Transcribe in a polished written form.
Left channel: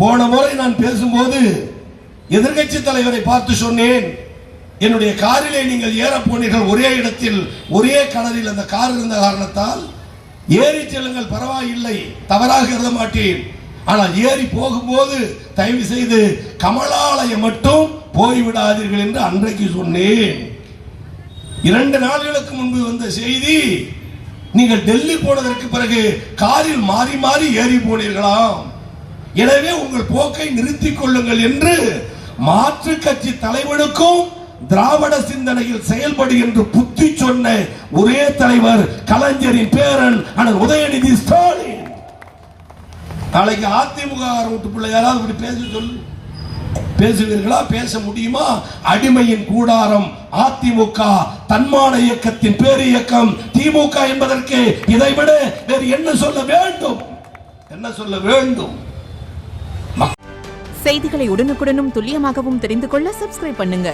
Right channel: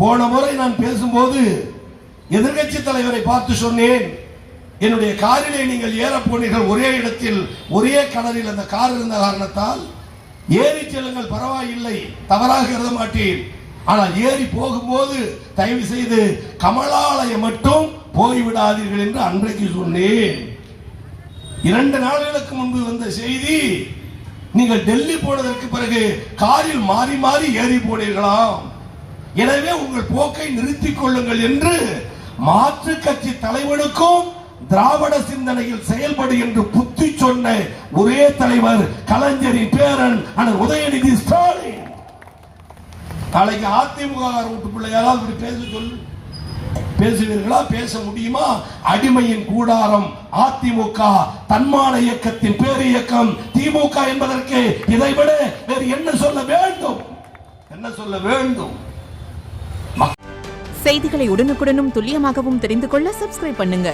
போன முறை நான் பேசும்போது எதிர்க்கட்சி தலைவரை பார்த்து சொன்னேன், என்னுடைய காரிலே நீங்கள் ஏற போனீர்கள், ஒரே இடத்தில் ஒரே கடலில் அந்த கார் இருந்த காரணத்தால் ஏறி செல்லுங்கள், பரவாயில்லை, தவறாக கருத மாட்டேன். ஆனால் ஏறி போகும்போது தயவு செய்து கமலாலயம் மட்டும் போய்விடாதீர்கள் என்று அன்றைக்கு சொன்னேன். 2 நாட்களுக்கு முன்பு வந்த செய்தி, நீங்கள் டெல்லி போனதற்கு பிறகு காரில் மாறி மாறி ஏறி போனீர்களாம், எனவே உங்கள் போக்கை நிறுத்திக் கொள்ளுங்கள் என்று மாற்று கட்சி தலைவனுக்கும் திராவிட சிந்தனையில் செயல்படு என்று புத்தி சொன்ன ஒரே தலைவர் கலைஞரின் பேரன் அண்ணன் உதயநிதி ஸ்டாலின். நாளைக்கு அதிமுக வீட்டுக்குள்ள யாராவது இப்படி பேச சொல்லு, பேசுவீர்களா? பேச முடியுமா? அடிமையின் கூடாரம் அதிமுக, தன்மான இயக்கத்தின் பேர் இயக்கம் திமுக என்பதற்கு இதைவிட வேறு என்ன சொல்ல வேண்டும்? என்ன சொல்ல வேண்டும்? செய்திகளை உடனுக்குடனும் துல்லியமாகவும் தெரிந்து கொள்ள சப்ஸ்கிரைப் பண்ணுங்க.